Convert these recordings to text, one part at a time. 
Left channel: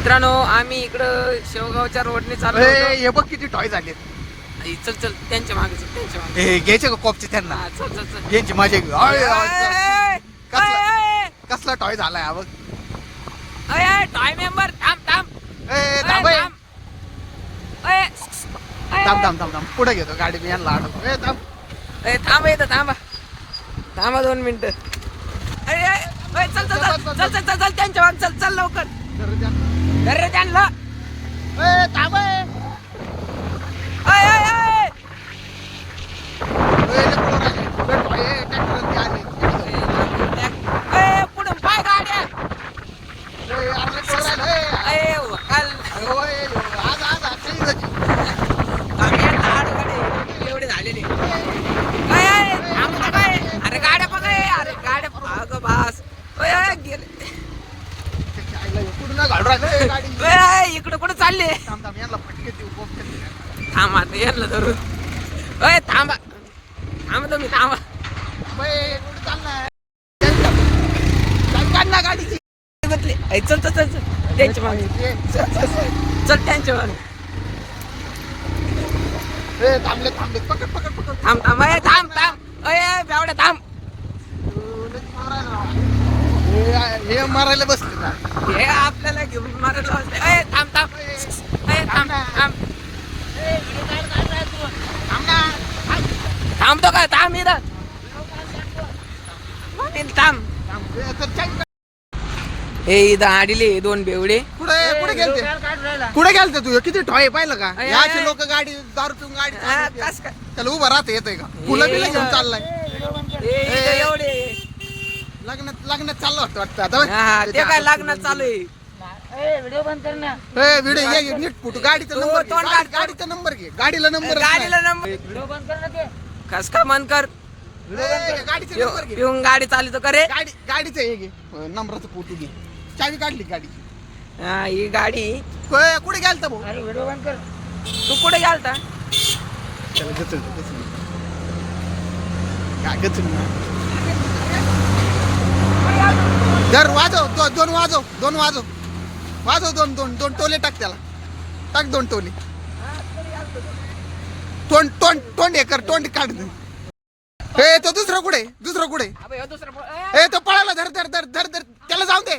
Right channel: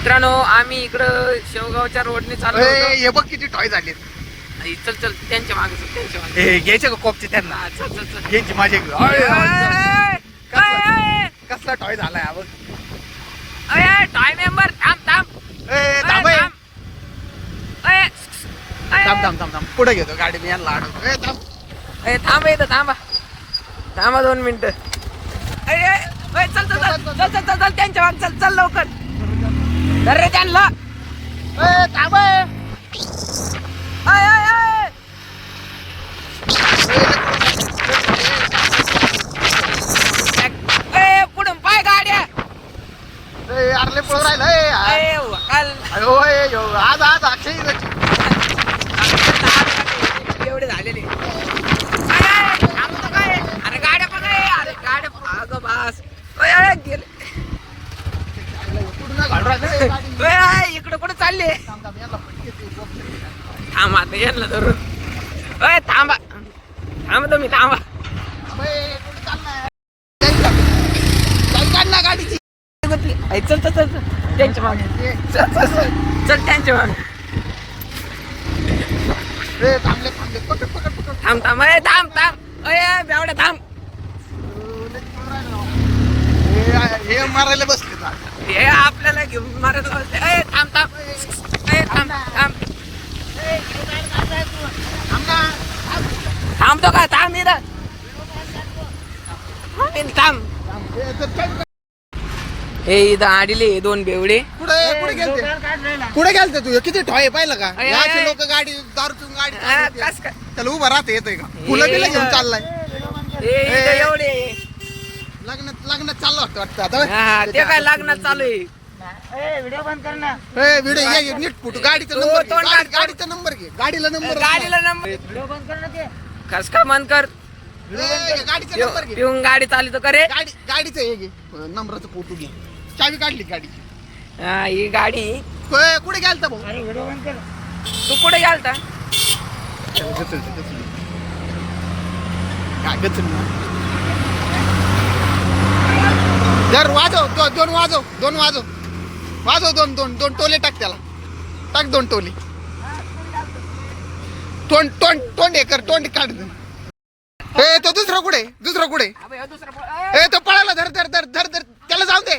मित्रांनो आम्ही इकडं शेवगावच्या रोडने चाललो होतो. हे बघ किती टॉय झाले. चल चल त्यांच्या मागे चल, त्यांच्या मागे. हे घ्यायचे का कोपचे त्यांना? हा, चल चल चल. घ्यायची माझे कसला कसला टॉय झालाय हा बघ. टाइम मेंबर थांब थांब. थांब थांब. थांब थांब थांब थांब पुढे घेतो गाडी मी यांना अडवतो. थांब थांबा इथं थांबा. थांबा 2 मिनिटं. चल चल चल चल चल चल चल त्यांच्या मागे चल चल लवकर. धर रे त्यांना. थांब पुढून पाय गाड्या. अरले पळून राहिलं. आज आज अक्षय एवढे झालेले. अरे गाड्या बघ. अरे गाड्या अगं बास गेले. कुठून घालून राहिलं गाडी. इकडे कुठे चालले? थांब थांब यांना फटके देऊ. थांबा आता यांना धरून. थांबा थांबा तुम्ही थांबा. कुठे चालणार? काढ ना गाडी. चल चल चल चल त्यांच्या मागे. चल चल चल चल त्यांच्या मागे. थांबले थांबले पकड पकड पकड. थांब थांब. थांब थांब. बेवड्या थांब. हे मारायला बसले ना. हे आपल्याला घेऊन मारायला बसले. थांब थांब. थांब थांब. थांबतो का? थांब इथं. थांब. हे इथं आडीले 2 बेवडे. कुठे कुठे गेलते? कुठे गेलते तू? किती ठॉय पाहिलं का? अय, याची अय. लोक गाडी दारू पिऊन गाडी चालवते. कस काय? त्याला उभं राहता येतंय का? फुलं बिलं घेऊन चाललाय. इथं एवढे. लग्नात चाललं वाटतं आता. हा, ते काय लग्नात चालू आहे. व्हिडिओ बंद कर ना. व्हिडिओ घे नीट फुटू. गाडीचा तो नंबर घे. तोंड काढ. गाडीचा नंबर घे. गाडीला नंबर गाडीला नंबर. व्हिडिओ बंद कर ना ते. कस का मन कर. गाडीचा नंबर घे. पिऊन गाडी चालू करे. गाडीचं हे घे. नंबरचं फोटो घे. चावी काढली गाडीची. हा ही गाडी. कुठे गेलता भाऊ? अरे व्हिडिओ बंद कर. तू कुठे गेलता? जर वाजव दोन वाजव. दोन टोले टाक त्याला. टाक 2 टोले. तोंड हे कर. तोंड काढ. तो दुसरा कुठे? तो पळाला. धर त्याला जाऊ दे.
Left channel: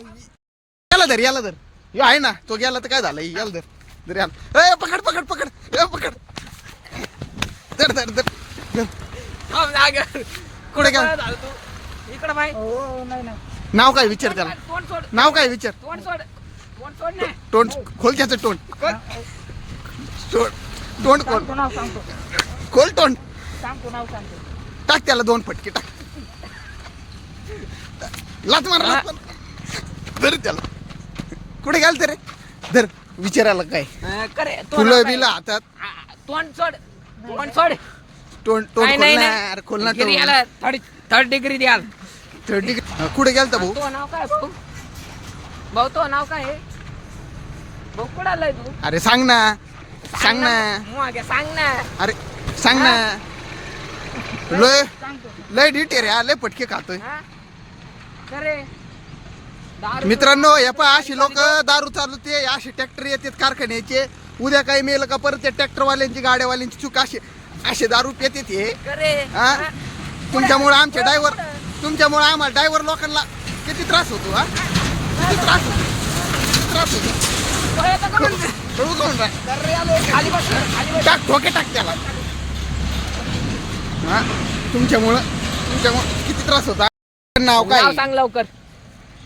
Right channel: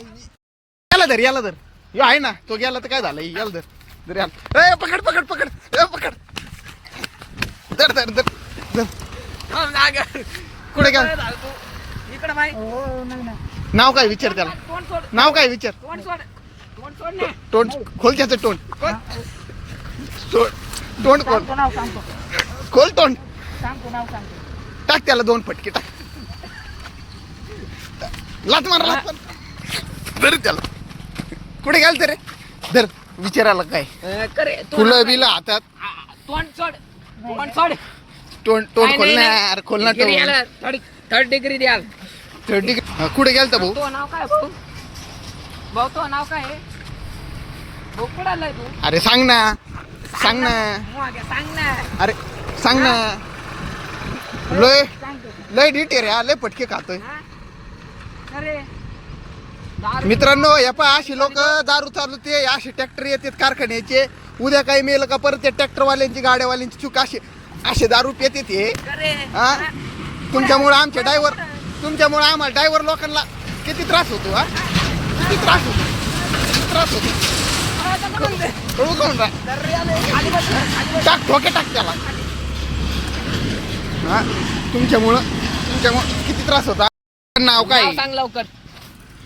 याला धर. यो आहे ना तो गेला तर काय झालं? याला धर याला. पकड. धर. कुठे गेला? इकडे बाई. हो नाही ना. नाव काय विचार त्याला? तोंड सोड. नाव काय विचार? तोंड सोड. तोंड सोड ना. तोंड खोल. त्याचं तोंड खोल. सांगतो नाव सांगतो. खोल तोंड. सांगतो नाव सांगतो. टाक त्याला 2 फटके टाक. लात मार. धर त्याला. कुठे गेलते रे? धर. विचारायला काय? करे. फुलं बिलं हातात. तोंड सोड. तोंड नाही, खोल ना नाही. यार. खोल ना डिग्री तोंड. याला थर्ड डिग्री द्याल. कुठे गेलता भाऊ? तो नाव काय भाऊ? भाऊ तो नाव काय आहे? भाऊ कुठं आलाय तू? अरे सांग ना. सांग ना. अरे सांग ना. लय डिटेर या. लय पटके खातोय. हा? करे. मित्रांनो हे पहा अशी लोक दारू चालवते. असे ट्रॅक्टर येतात कारखान्याचे. उद्या काही मेलं का परत त्या ट्रॅक्टरवाल्यांची गाड्यावाल्यांची चूक. असे दारू पितात हे. करे. हा तुमच्यामुळे आमचे तुमच्यामुळे आम्हाला ड्रायव्हर लोकांना किती त्रास होतो. हा किती त्रास होतो. कळू कोण टाक ठोके टाक त्याला. हा तुमच्यामुळं किती त्रास होता. नाव काय? नाव सांग लवकर.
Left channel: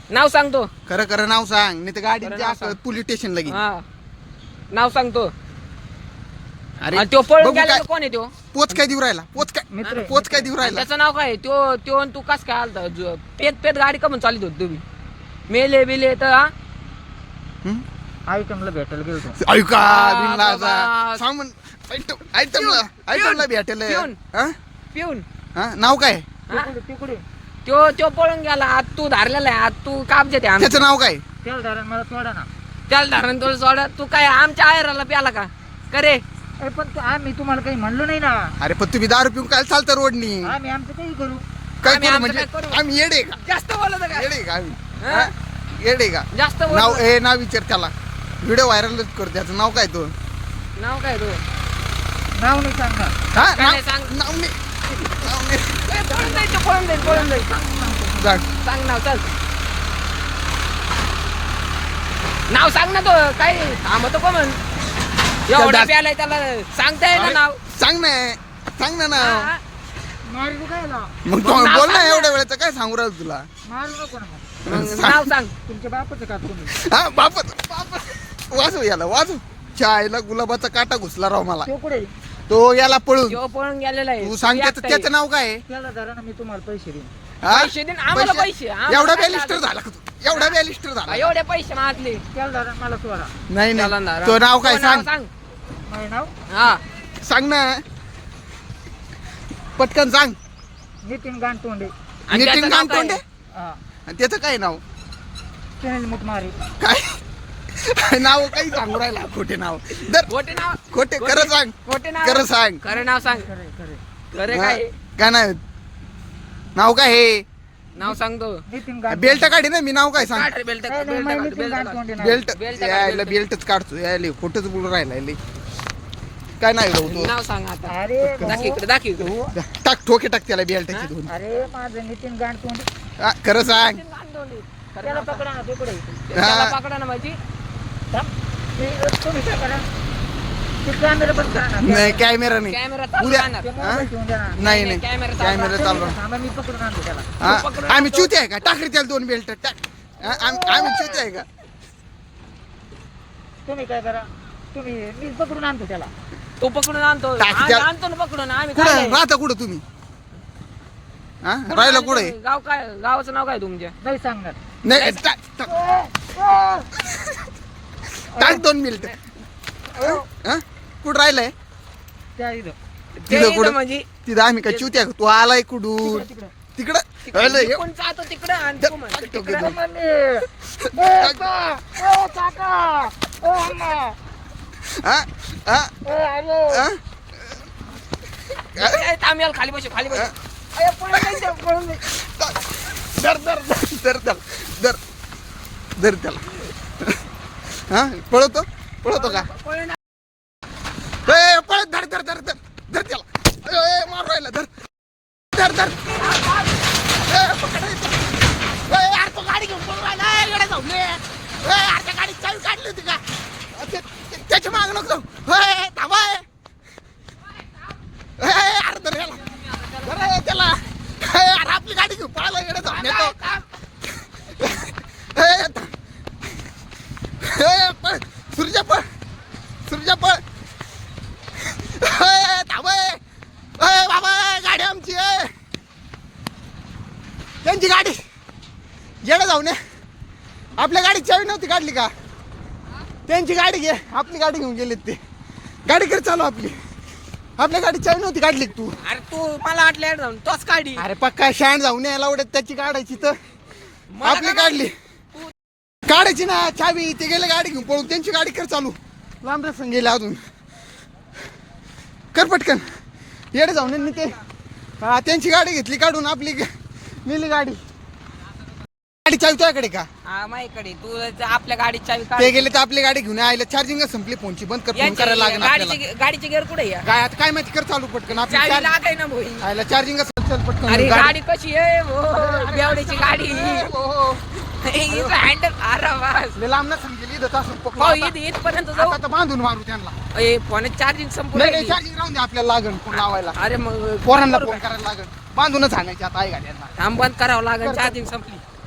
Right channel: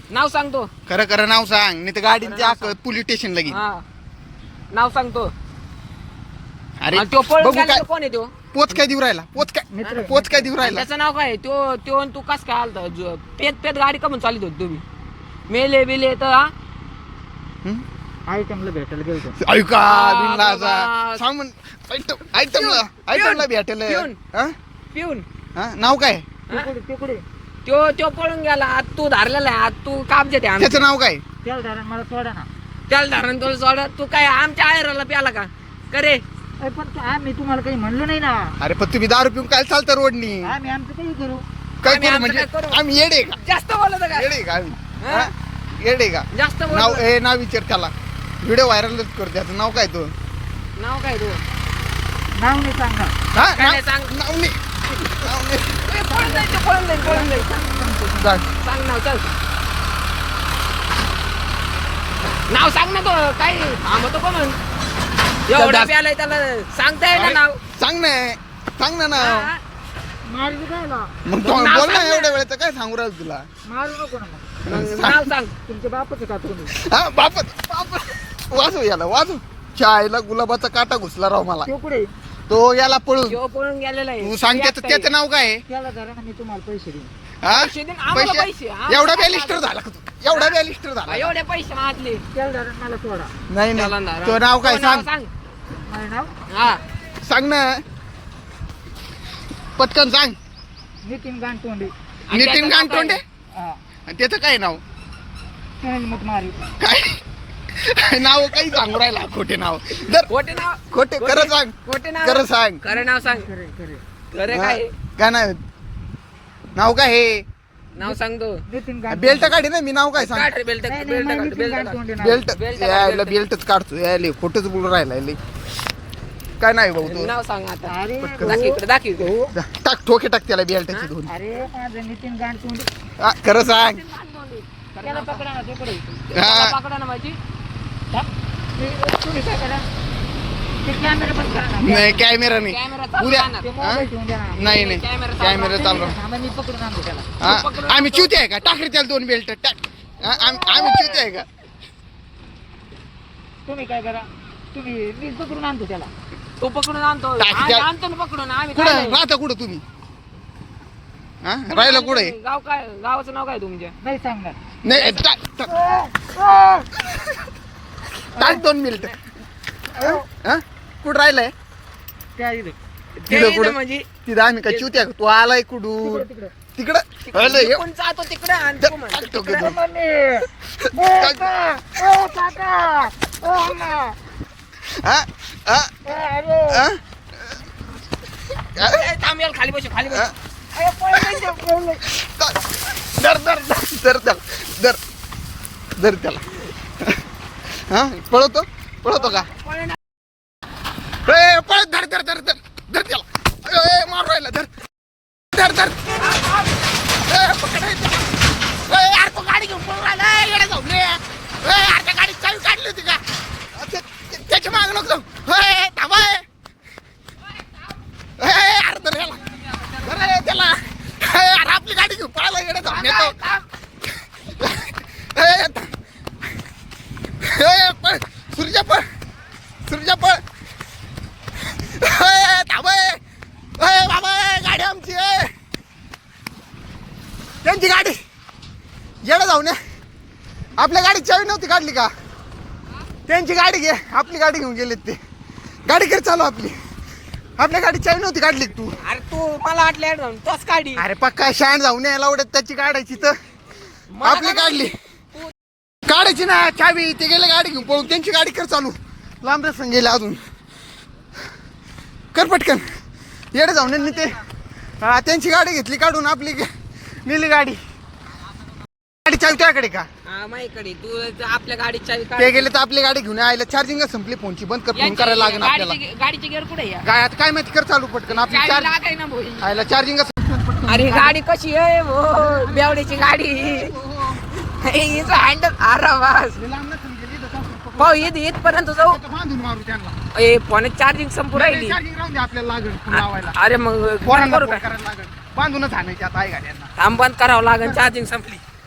नाव सांगतो. खरं नाव सांग. नाही तर गाडीची पोलीस स्टेशनला घे. हा नाव सांगतो. अरे तो पळून बघू गेला काय तो कोण आहे तो? पोच काय देऊ राहिला? पोच काय देऊ राहिला? त्याचं नाव काय? तो आणि तू कस काय आलता? पेत गाडी का म्हणून चालित होती तुम्ही? मेले बिले तर हा? आयटमला भेटायला गेलो. ऐका बाबा. सामान आयटमला भेटेल. पिऊन. नाव काय? तिकडे तो पळून गेला. आज तू धारलेला आहे. आज तू कामचे ते त्याचं नाव काय? त्याला धरण मला सोडा ना. त्याला धारण तुला सोडा. तू काय आमच्या आयराला प्याला का? करे. पण आम्ही तुम्हाला काही म्हणलो नाही ना. अरे पण तुम्ही दारू पिऊन काय चालतं रोडनी? आम्ही आमचं काही करू. काय आम्ही करू आमचं म्हणजे काय करू? आम्ही येडे का? जास्त बोलत का? येडे का आम्ही? हा? येडे का? जास्त नाव बोलत. नाव विचार त्याला. व्हिडिओ व्हायरलच कर. त्याचं नाव काय तो? नाव काय तू? नाव नाही सांगणार. हा काय सांग. नाव नाही. पळून जाईल. सांग. सांग नाव. चल नाव सांग ना. तो काय थांबतो का म्हण? एवढा प्यालाय त्याला सांगता येईल ना नाव. सांग ना नाव. हा. मारली काय ना मग तू नाव बोल ना. सांग ना. एवढ्या वेळेचं काय सांगू राहिलो तुला? मारू नको ना मग. मग नाव सांग. तुमच्या बापाचं का तुम्ही हा बापत वाजव याला वाजव. चायला गुलाबाचा काटा घुसला राव मला. तो कुठे तो याला पळू. तो पळून गेलेला आहे. तू सांग त्याचं नाव काय आहे? त्याला धरा ना मी तुम्हाला पैसे देईन. हा? पैसे दे ना, आम्हाला पैसे. एवढा बॅलिस्टर झाला का तू? एवढा बॅलिस्टर झाला? एवढे पैसे मागले. त्याला धरा मला सोडा. नाही त्याला नाही. ना- तो नाव काय तो नाव सांग. माझं नाव हा सांग ना पटकन सांग. नितीन गांटोंडे. आणि नितीन त्याचं नाव गांटोंडे. हा आणि त्याचं काय नाव? सुनील मुतमारी. काय नाव काही सांगू राहिला खोटे नाव. दर खोटे नाव. खोटे खरं सांग. खोटे नाव. खरं सांग. खरं नाव सांग. खरे खरे खरे हा, काय काय नाव? नाव काय हे? नाव सांगतो. नितीन गांटोंडे. बेल्ट काढी ना. मी नाव काय सांग? काढ रे बेल्ट. नाही, बेल्ट नाही, काढ. नितीन बेल्ट काढ. गांटोंडे नाव. बेल्ट बेल्ट यायला काढ, बेल्टच काढतो. यायला खोटच बोलून राहिला यायले. काय नाही भाऊ तू? नाव सांग आता. अरे दाखव इकडे. दाखव इकडे. टाक ठोके टाक त्याला बेल्टाची दोन. अरे माझं नितीन गांटोंडे. हा, खरं सांग. त्याला पकडा ना तिकडे. त्याला पकडा ना माझी. तुम्ही काय करा ते कॅमेरा बंद करा ना. नाही कॅमेरा नाही. कॅमेरा चालू उद्या राहणार. ते हा? मोबाईल ठेवून द्या ना. नाही नाही कॅमेरा चालू राहणार. थांबा, मी पकडून आणतो त्याला. हा, आम्ही चुते आहे का? टाक रे त्याला दोन बेल्ट टाक. हा, आम्ही चुते आहे का? तुम्ही काय करा तुम्ही मी पकडून आणतो त्याला. तो पकडून आणतो. टाक आम्ही त्या- आणतो ना पकडून. आम्ही कुठे चाललोय. राहता कुठं तुम्ही? हा राहिला कुठे? गाव काय? गावाचं नाव काय तुमच्या? नाही सांगणार. नाही टाक टाक 2 मिनिट. हा कुठं राहिलाय? त्या इथं. तिथं ते कुठं? म्हणजे तिथं आम्ही काय चुत्या का? तू आलाय कुठून? तिकडे. तिकडं राहिलंय. कोण जातो तिकडे आणि तो म्हणतो टाक ठोके तिकडं. दोन. हा हा हा ए, थांब याला खाली बसू. खाली बसू. अरे, पळून जायचं, पळून जायचं. दर दर दर दर दर दर त्याला. हा पळतो का? पळून पळत धर धर धर धर धर त्याला. मार राहिला. धर धर धर. पकडायचं. यार तो गाडी घेऊन पळून राहिला. येडे जाऊ नये. यार त्या गाडीची चावी काढली होती का? त्याची माग नको. थांबा. यार धर याला. धर त्याला. यार आपली गाडी घेऊन पळायला येडे जाऊ नये. पळ सूर्या पळ. सूर्या पळ. थांब. बाबा गाडी आमची आहे. त्यांची गाडी येडे जाऊ नये. आपल्या गाडी चावी नव्हती काढली का? त्यांची गाडी घे. आपली गाडी घेऊन गेलेत ते. गाडी कर चालू आपली. आपल्या गाडी चावी नव्हती काढली तू. अरे तू मला वाटलं ऍड जाऊन तोच काढी. अरे पक्का शाण जाऊन यायला आवडत त्याची काढायची तर मला आपली काय काढली. तू- काढायची ना चावी. ते गेले गाडी घेऊन पळून. त्यांची गाडी कर चालू. लांब रस्ता गेले अजून. कर पटकन. येडे जाऊन यांनी ते त्यांची गाडी घेतली काढून. आपली मिली गाडी. गाडी चावी त्याकडे का? हा, माझ्याकडे तू आपल्या गाडीची चावी काढ. ते गेले तर आपली गाडी घेऊन आयला. चार्जिंग संपली फोनची. बंद कर. फोन यांची करायला लागेल आपल्याला. गाडीची गेअर कुठे आहे? काय आता काय माहिती कर चालू पटकन. आपली चावी चार्ज लागाय ना भाई. आयला चार्जिंग पटकन. अरे गाडी कशी आहे हो? बेवड्याची गाडी. हँडल. अरे वास. मी लांब नसेल गेली तर तसं पाहू इथपर्यंत जाऊ. आता बांधून मारू त्यांना. ए फोन चार्जिंग संपून राहिली. चार्जिंग राहून दे. आपल्याला लागेल फोन लावायला. अरे मग पोरांना करू फोन का? करायला लागेल. बांधूनच आणायची आता आहे गाड्यांना. थांब बंद करावं लागेल. चार्जिंग संपली.